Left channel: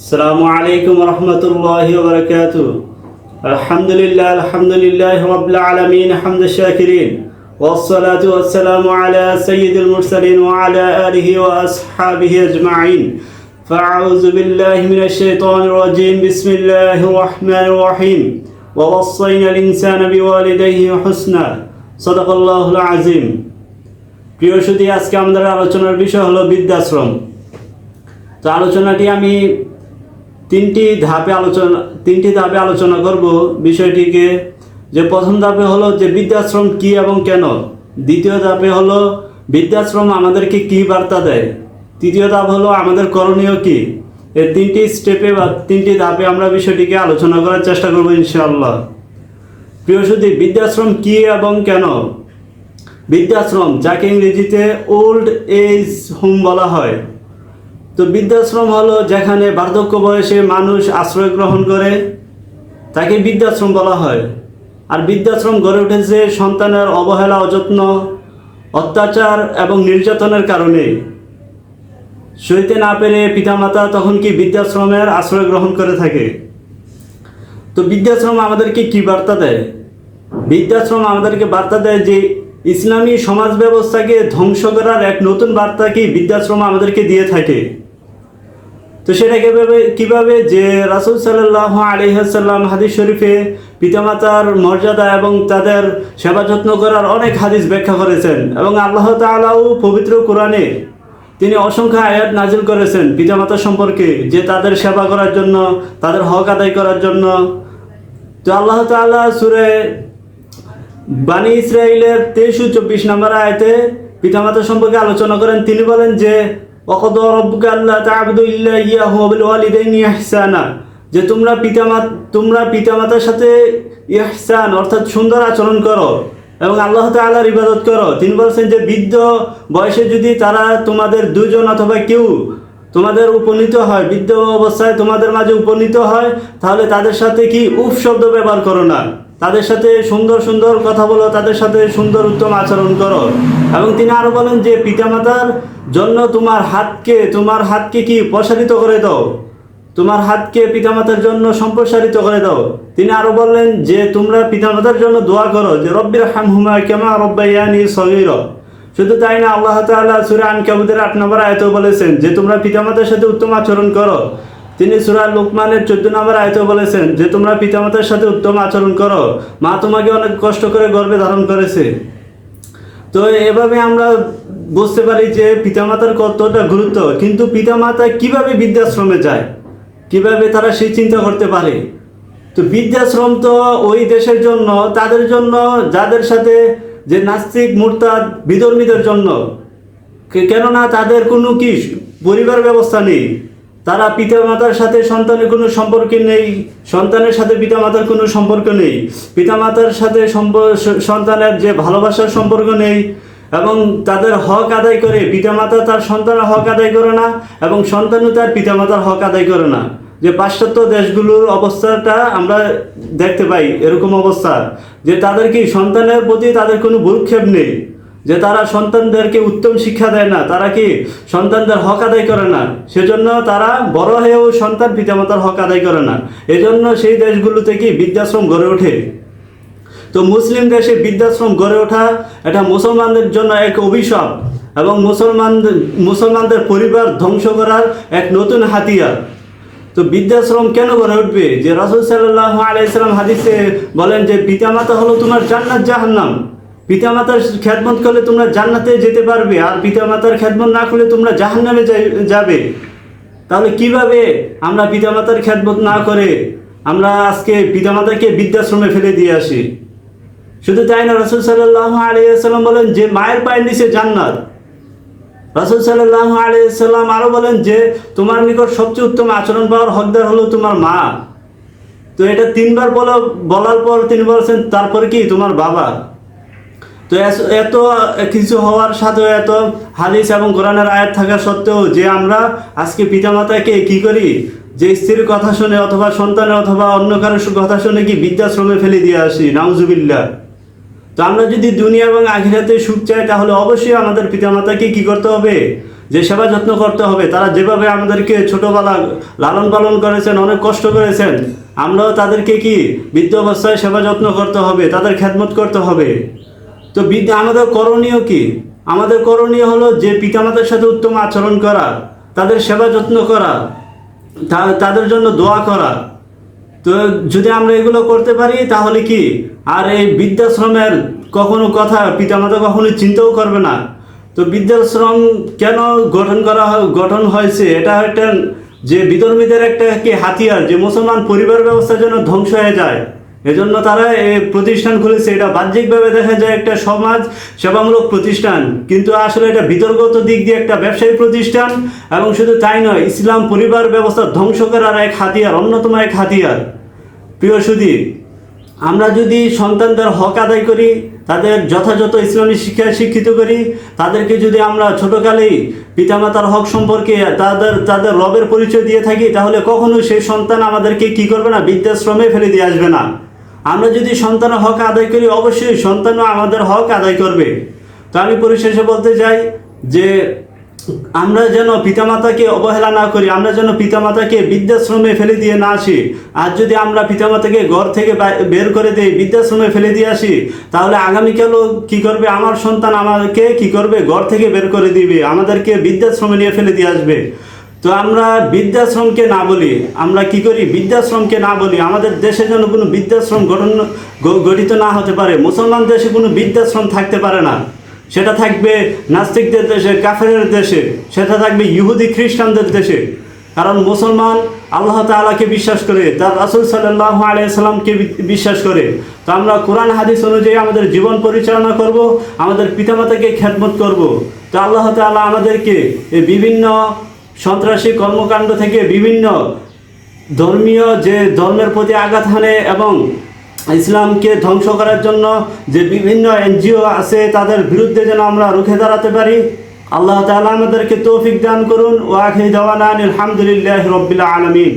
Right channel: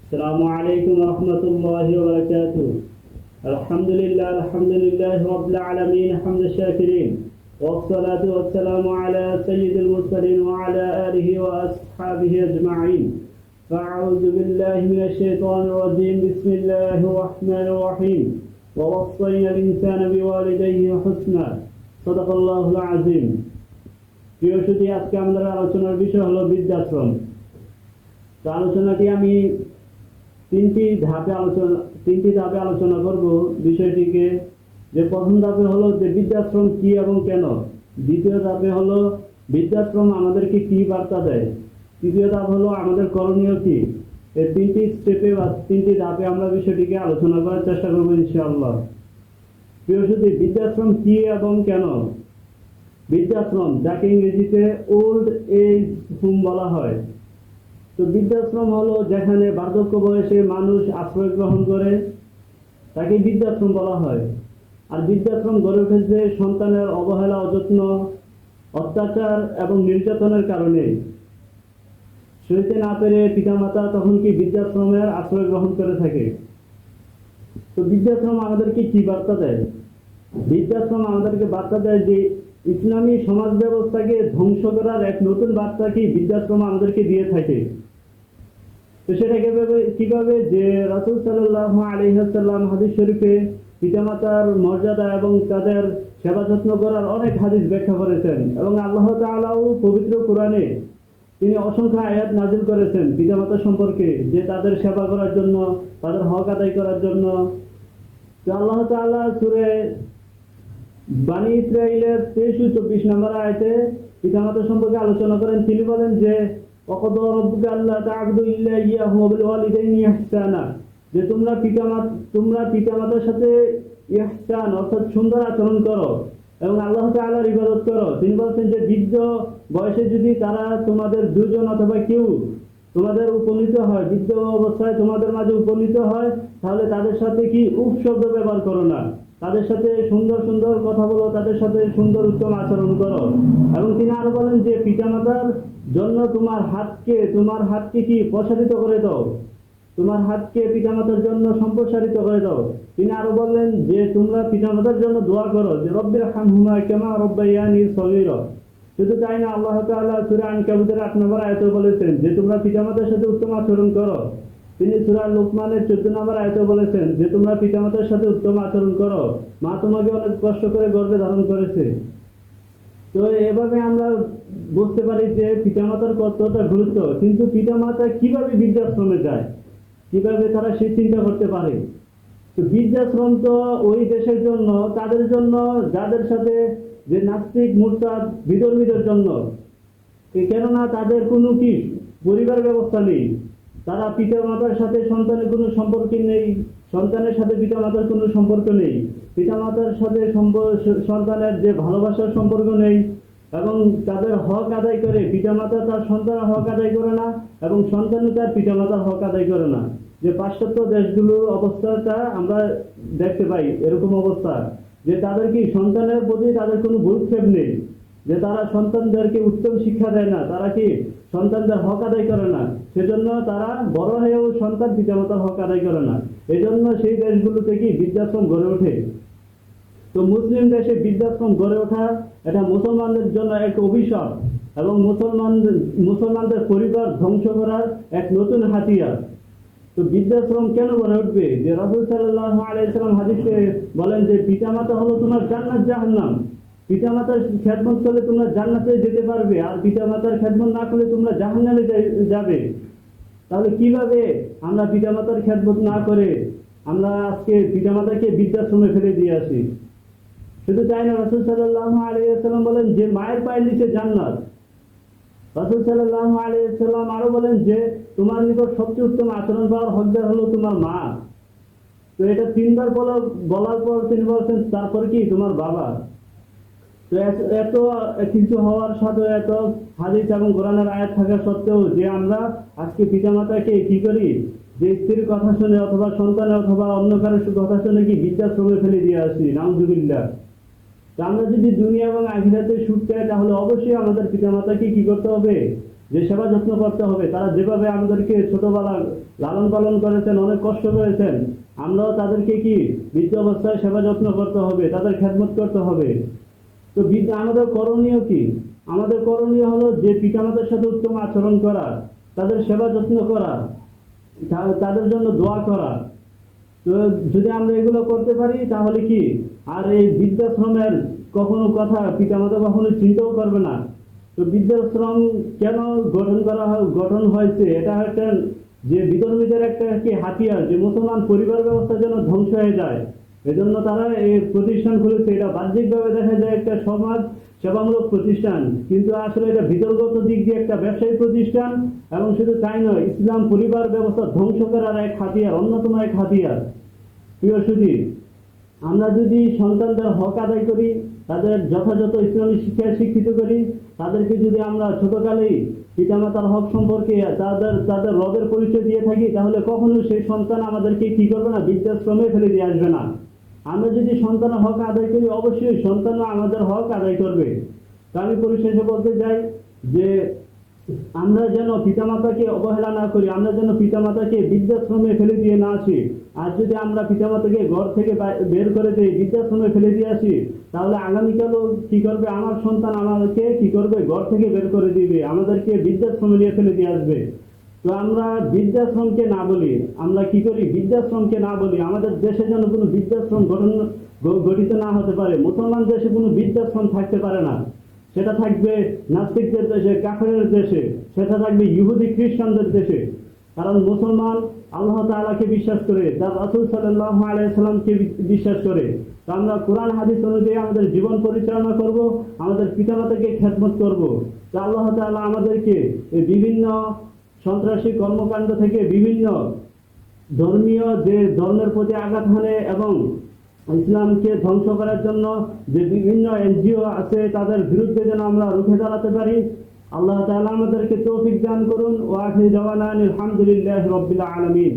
السلام عليكم ورحمة الله وبركاته الحمد لله الحمد لله رب العالمين حمد الشاكرين والصلاة والسلام على سيد المرسلين وعلى آله وأصحابه أجمعين فأعوذ بالله من الشيطان الرجيم بسم الله الرحمن الرحيم ووصينا الإنسان بوالديه حسنا صدق الله العظيم প্রিয় সুদী আজকে আমাদের আলোচনার বিষয় হলো বৃদ্ধাশ্রম তো আলোচনাটি আমি তিনটি ধাপে আলোচনা তিনটি ধাপে আলোচনা করব বিষয়টিকে। যে প্রথম ধাপে হলো যে বৃদ্ধাশ্রম কি এবং কেন? দ্বিতীয় ধাপে হলো বৃদ্ধাশ্রম আমাদেরকে কি বার্তা দেয়? তৃতীয় ধাপ হলো আমাদের করণীয় কি? এই তিনটি স্টেপে বা তিনটি ধাপে আমরা বিষয়টিকে আলোচনা করার চেষ্টা করব ইনশাআল্লাহ। প্রিয় সুদী বৃদ্ধাশ্রম কি এবং কেন? বৃদ্ধাশ্রম, যাকে ইংরেজিতে ওল্ড এজ হোম বলা হয়। তো বৃদ্ধাশ্রম হলো যেখানে বার্ধক্য বয়সে মানুষ আশ্রয় গ্রহণ করে, তাকে বৃদ্ধাশ্রম বলা হয়। আর বৃদ্ধাশ্রম গড়ে উঠেছে সন্তানের অবহেলা অযত্ন অত্যাচার এবং নির্যাতনের কারণে। সইতে না পেরে পিতামাতা তখন কি বৃদ্ধাশ্রমের আশ্রয় গ্রহণ করে থাকে? তো বৃদ্ধাশ্রম আমাদেরকে কি বার্তা দেয়? বৃদ্ধাশ্রম আমাদেরকে বার্তা দেয় যে ইসলামী সমাজ ব্যবস্থাকে ধ্বংস করার এক নতুন বার্তা কি বৃদ্ধাশ্রম আমাদেরকে দিয়ে থাকে? তো সেটা কীভাবে, কীভাবে যে রাসুল সাল্লাহ আলিহাসাল্লাম হাদিস শরীফে পিতামাতার মর্যাদা এবং তাদের সেবা যত্ন করার অনেক হাদিস ব্যাখ্যা করেছেন এবং আল্লাহ তালাও পবিত্র কোরআনে তিনি অসংখ্য আয়াত নাজিল করেছেন পিতামাতা সম্পর্কে যে তাদের সেবা করার জন্য, তাদের হক আদায় করার জন্য। তো আল্লাহ তাআলা সুরে বানি ইসরায়েলের তেইশ চব্বিশ নম্বর আয়তে পিতামাতা সম্পর্কে আলোচনা করেন। তিনি বলেন যে অকদ রব্বুকা আল্লাহ তা'বুদু ইল্লা ইয়াহু ওয়া বিল ওয়ালিদাইনি ইহসানা। যে, তোমরা পিতামাতা তোমরা পিতামাতার সাথে ইহসান, অর্থাৎ সুন্দর আচরণ করো এবং আল্লাহ তাআলার ইবাদত করো। তিনি বলছেন যে, বৃদ্ধ বয়সে যদি তারা তোমাদের দুজন অথবা কেউ তোমাদের উপনীত হয়, বৃদ্ধ অবস্থায় তোমাদের মাঝে উপনীত হয়, তাহলে তাদের সাথে কি উফ শব্দ ব্যবহার করো না? তাদের সাথে সুন্দর সুন্দর কথা বলো, তাদের সাথে সুন্দর উত্তম আচরণ করো। এবং তিনি আরও বলেন যে, পিতামাতার জন্য তোমার হাতকে তোমার হাতকে কি প্রসারিত করে দাও? তোমার হাতকে পিতামাতার জন্য সম্প্রসারিত করে দাও। তিনি আরও বললেন যে, তোমরা পিতামাতার জন্য দোয়া করো যে, রব্বির হামহুমা কেমা রব্বাইয়ানি সগীর। শুধু তাই না, আল্লাহ তাআলা সূরা আনকাবুতের আট নম্বর আয়তেও বলেছেন যে, তোমরা পিতামাতার সাথে উত্তম আচরণ করো। তিনি সূরা লোকমানের চোদ্দ নম্বর আয়তেও বলেছেন যে, তোমরা পিতামাতার সাথে উত্তম আচরণ করো। মা তোমাকে অনেক কষ্ট করে গর্বে ধারণ করেছে। তো এভাবে আমরা বুঝতে পারি যে, পিতামাতার কতটা গুরুত্ব। কিন্তু পিতামাতা কীভাবে বৃদ্ধাশ্রমে যায়? কীভাবে তারা সেই চিন্তা করতে পারে? তো বৃদ্ধাশ্রম তো ওই দেশের জন্য, তাদের জন্য, যাদের সাথে যে নাস্তিক মুরতাদ, বিধর্মীদের জন্য। কেননা তাদের কোনো কি পরিবার ব্যবস্থা নেই? তারা পিতামাতার সাথে সন্তানের কোনো সম্পর্ক নেই, সন্তানের সাথে পিতামাতার কোনো সম্পর্ক নেই। পিতামাতার সাথে সন্তানের যে ভালোবাসার সম্পর্ক নেই এবং তাদের হক আদায় করে, পিতামাতা তার সন্তানের হক আদায় করে না এবং সন্তানও তার পিতামাতার হক আদায় করে না। যে পাশ্চাত্য দেশগুলোর অবস্থাটা আমরা দেখতে পাই এরকম অবস্থা, যে তাদের কি সন্তানের প্রতি তাদের কোনো ভূক্ষেপ নেই। যে তারা সন্তানদেরকে উত্তম শিক্ষা দেয় না, তারা কি সন্তানদের হক আদায় করে না? সেজন্য তারা বড় হয়েও সন্তান পিতামাতার হক আদায় করে না। এজন্য সেই দেশগুলোতে কি বৃদ্ধাশ্রম গড়ে ওঠে? তো মুসলিম দেশে বৃদ্ধাশ্রম গড়ে ওঠা এটা মুসলমানদের জন্য এক অভিশাপ এবং মুসলমানদের মুসলমানদের পরিবার ধ্বংস করার এক নতুন হাতিয়ার। তো বৃদ্ধাশ্রম কেন গড়ে উঠবে? যে রাসুল সাল্লাহ আলাইসালাম হাদিসে বলেন যে, পিতামাতা হলো তোমার জান্নাত জাহান্নাম। পিতামাতার খ্যাতমত করলে তোমরা জান্নাতে যেতে পারবে, আর পিতা পিতামাতার খ্যাতমত না করলে তোমরা জাহান্নামে যাবে। তাহলে কীভাবে আমরা পিতা পিতামাতার খ্যাতমত না করে আমরা আজকে পিতামাতাকে বৃদ্ধাশ্রমে ফেলে দিয়ে আসি? শুধু তাই না, রসুল সাল্লাহ আলিয়াল্লাম বলেন যে, মায়ের পায়ের নিচে জান্নাত। রাসুল সাল্লাহ আলিয়াল্লাম আরও বলেন যে, তোমার নিকট সবচেয়ে উত্তম আচরণ পাওয়ার হকদার হলো তোমার মা। তো এটা তিনবার বলা বলার পর তিনি বলছেন, তারপরে কি? তোমার বাবা। তো এত কিছু হওয়ার সাথেও এত হাদিস এবং কোরআনের আয়াত থাকা সত্ত্বেও যে আমরা আজকে পিতামাতাকে কি করি? যে স্ত্রীর কথা শুনে অথবা সন্তানের অথবা অন্য কারোর কথা শুনে কি বৃদ্ধাশ্রমে ফেলে দিয়ে আসি? নাউজুবিল্লাহ। তো আমরা যদি দুনিয়া এবং আখিরাতে সুখ চাই, তাহলে অবশ্যই আমাদের পিতামাতাকে কি করতে হবে? যে সেবা যত্ন করতে হবে। তারা যেভাবে আমাদেরকে ছোটবেলা লালন পালন করেছেন, অনেক কষ্ট করেছেন, আমরাও তাদেরকে কি বৃদ্ধ অবস্থায় সেবা যত্ন করতে হবে, তাদের খেদমত করতে হবে? তো বিদ্যা, আমাদের করণীয় কি? আমাদের করণীয় হলো যে পিতামাতার সাথে উত্তম আচরণ করা, তাদের সেবা যত্ন করা তাদের জন্য দোয়া করা। তো যদি আমরা এগুলো করতে পারি, তাহলে কি? আর এই বৃদ্ধাশ্রমের কখনো কথা পিতামাতা কখনো চিন্তাও করবে না। তো বৃদ্ধাশ্রম কেন গঠন করা গঠন হয়েছে? এটা একটা যে বিধর্মীদের একটা কি হাতিয়ার, যে মুসলমান পরিবার ব্যবস্থা যেন ধ্বংস হয়ে যায়। এজন্য তারা এই প্রতিষ্ঠান খুলেছে। এটা বাহ্যিকভাবে দেখা যায় একটা সমাজ, সেবামূলক প্রতিষ্ঠান। কিন্তু আসলে এটা বিতর্কত দিক দিয়ে একটা ব্যবসায়ী প্রতিষ্ঠান এবং শুধু তাই নয়, ইসলাম পরিবার ব্যবস্থা ধ্বংস করার এক হাতিয়ার, অন্যতম এক হাতিয়ার। প্রিয় সুদী আমরা যদি সন্তানদের হক আদায় করি, তাদের যথাযথ ইসলামী শিক্ষায় শিক্ষিত করি, তাদেরকে যদি আমরা ছোটোকালেই পিতামাতার হক সম্পর্কে তাদের তাদের রবের পরিচয় দিয়ে থাকি, তাহলে কখনো সেই সন্তান আমাদেরকে কি করবে না? বৃদ্ধাশ্রমে ফেলে দিয়ে আসবে না। আমরা যদি সন্তানের হক আদায় করি, অবশ্যই সন্তানও আমাদের হক আদায় করবে। তো আমি পরিশেষে বলতে চাই যে, আমরা যেন পিতামাতাকে অবহেলা না করি, আমরা যেন পিতামাতাকে বৃদ্ধাশ্রমে ফেলে দিয়ে না আসি। আর যদি আমরা পিতামাতাকে ঘর থেকে বের করে দিই বৃদ্ধাশ্রমে ফেলে দিয়ে আসি, তাহলে আগামীকালও কি করবে? আমার সন্তান আমাকে কি করবে? ঘর থেকে বের করে দিবে। আমাদেরকে বৃদ্ধাশ্রমে নিয়ে ফেলে দিয়ে আসবে। তো আমরা বৃদ্ধাশ্রমকে না বলি, আমরা কি করি? বৃদ্ধাশ্রমকে না বলি। আমাদের দেশে যেন কোনো বৃদ্ধাশ্রম গঠন গঠিত না হতে পারে। মুসলমান দেশে কোনো বৃদ্ধাশ্রম থাকতে পারে না। সেটা থাকবে নাস্তিকদের দেশে, কাফেরের দেশে। সেটা থাকবে ইহুদি, খ্রিস্টানদের দেশে। কারণ মুসলমান আল্লাহ তাআলাকে বিশ্বাস করে, তার রাসুল সাল্লাহ আলাইসাল্লামকে বিশ্বাস করে। তো আমরা কোরআন, হাদিস অনুযায়ী আমাদের জীবন পরিচালনা করব, আমাদের পিতামাতাকে খেদমত করব। তো আল্লাহ তাআলা আমাদেরকে বিভিন্ন সন্ত্রাসী কর্মকাণ্ড থেকে বিভিন্ন ধর্মীয় যে ধর্মের প্রতি আঘাত হানে এবং ইসলামকে ধ্বংস করার জন্য যে বিভিন্ন এনজিও আছে, তাদের বিরুদ্ধে যেন আমরা রুখে দাঁড়াতে পারি। আল্লাহ তালা আমাদেরকে তৌফিক দান করুন। ওয়াখি দেওয়ান আলহামদুলিল্লাহ রবিল্লা আলমিন।